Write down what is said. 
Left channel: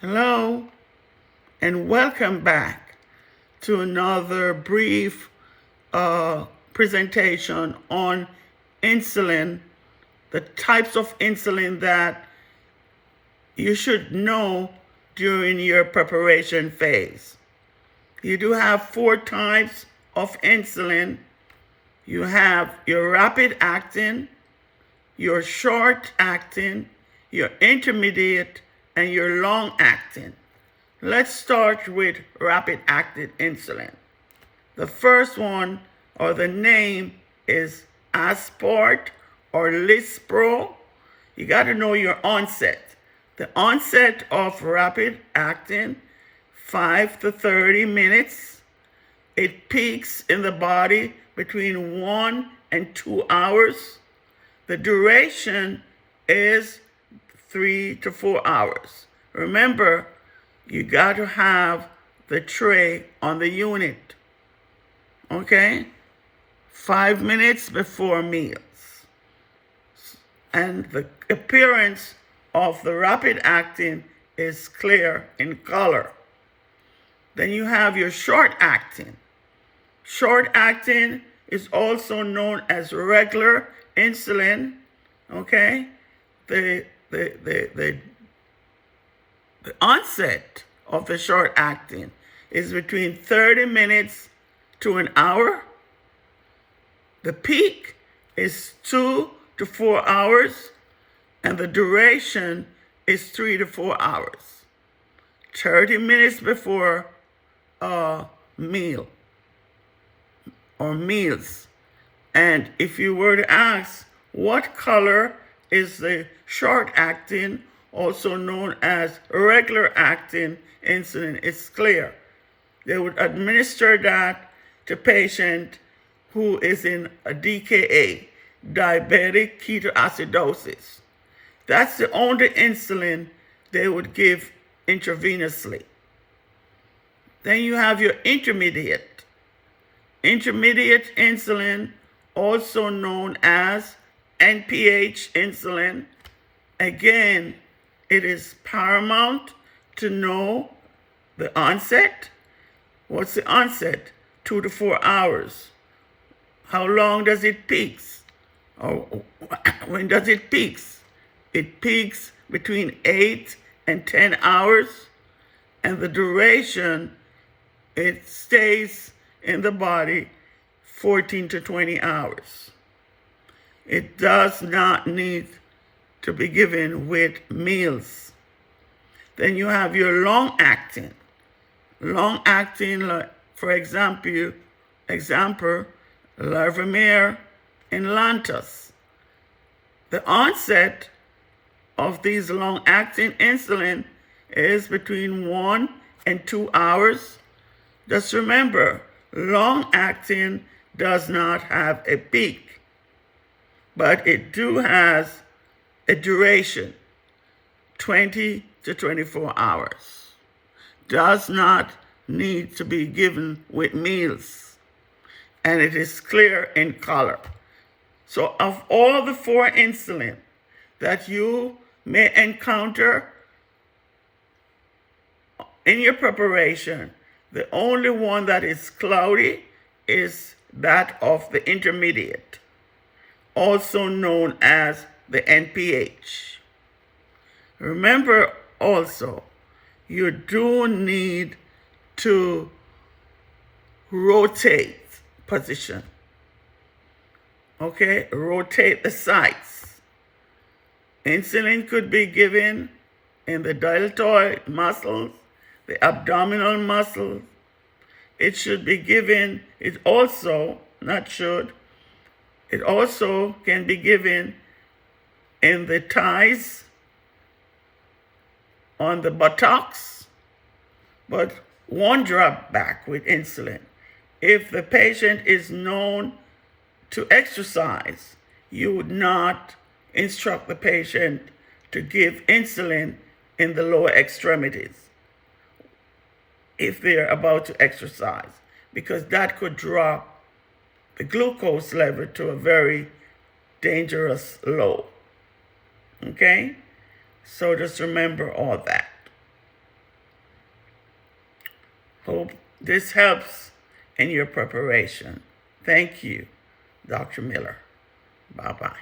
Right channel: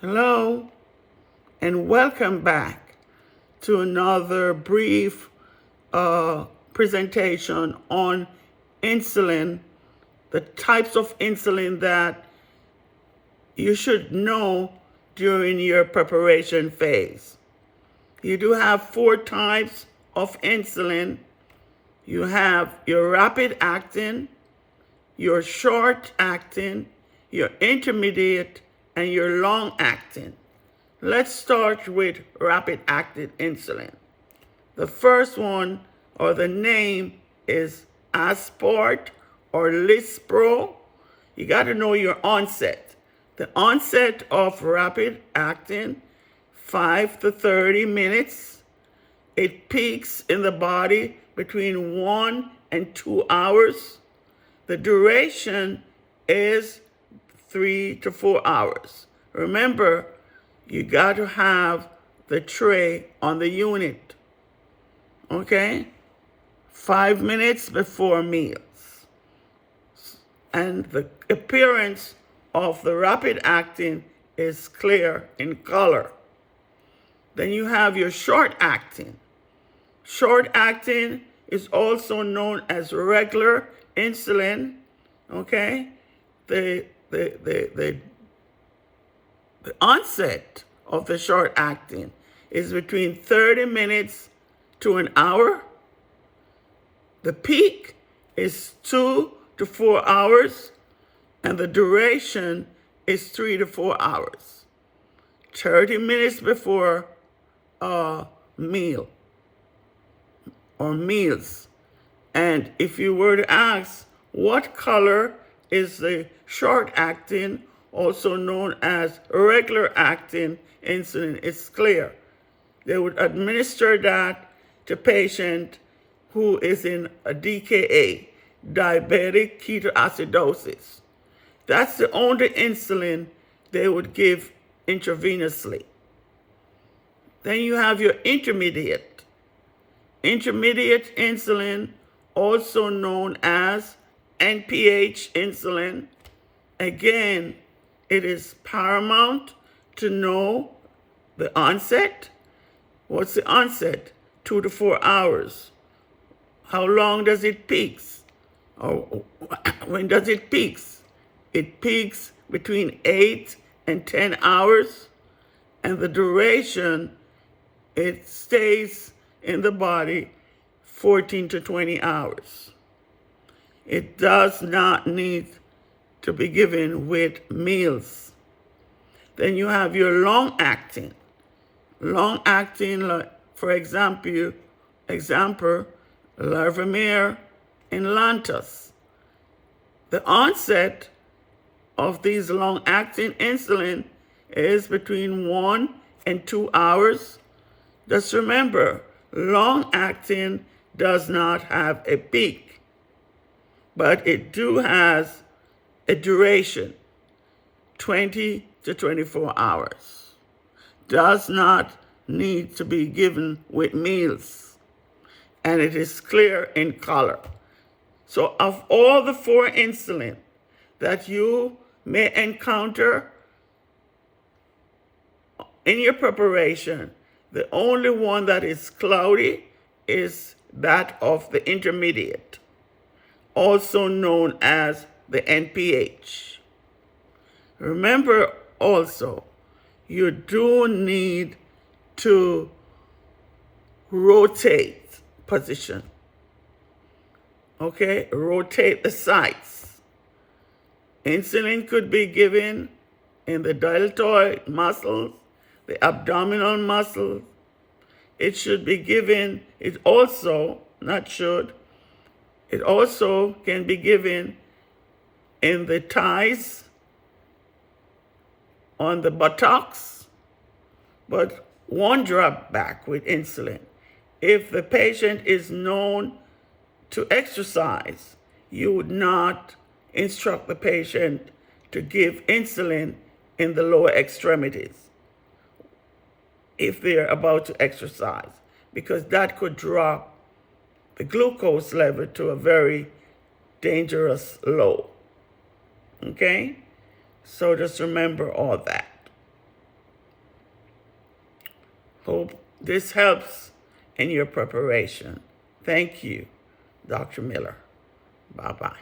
Hello, and welcome back to another brief presentation on insulin, the types of insulin that you should know during your preparation phase. You do have 4 types of insulin. You have your rapid acting, your short acting, your intermediate, and your long acting. Let's start with rapid acting insulin. The first one, or the name, is Aspart or Lispro. You got to know your onset. The onset of rapid acting, 5 to 30 minutes. It peaks in the body between 1 and 2 hours. The duration is 3 to 4 hours. Remember, you got to have the tray on the unit. Okay? 5 minutes before meals. And the appearance of the rapid acting is clear in color. Then you have your short acting. Short acting is also known as regular insulin. Okay? The onset of the short acting is between 30 minutes to an hour. The peak is 2 to 4 hours, and the duration is 3 to 4 hours. 30 minutes before a meal or meals. And if you were to ask, what color is the short acting, also known as regular acting insulin? It's clear. They would administer that to patient who is in a DKA, diabetic ketoacidosis. That's the only insulin they would give intravenously. Then you have your intermediate. Intermediate insulin, also known as NPH insulin. Again, it is paramount to know the onset. What's the onset? 2 to 4 hours. How long does it peak? Or when does it peak? It peaks between 8 and 10 hours, and the duration, it stays in the body 14 to 20 hours. It does not need to be given with meals. Then you have your long acting. Long acting, for example, Larvamir and Lantus. The onset of these long acting insulin is between 1 and 2 hours. Just remember, long acting does not have a peak, but it has a duration, 20 to 24 hours. Does not need to be given with meals, and it is clear in color. So of all the 4 insulin that you may encounter in your preparation, the only one that is cloudy is that of the intermediate, also known as the NPH. Remember also, you do need to rotate position. Okay, rotate the sites. Insulin could be given in the deltoid muscles, the abdominal muscles. It should be given, it also can be given in the thighs, on the buttocks. But one drawback with insulin, if the patient is known to exercise, you would not instruct the patient to give insulin in the lower extremities if they're about to exercise, because that could drop the glucose level to a very dangerous low. Okay? So just remember all that. Hope this helps in your preparation. Thank you, Dr. Miller. Bye-bye.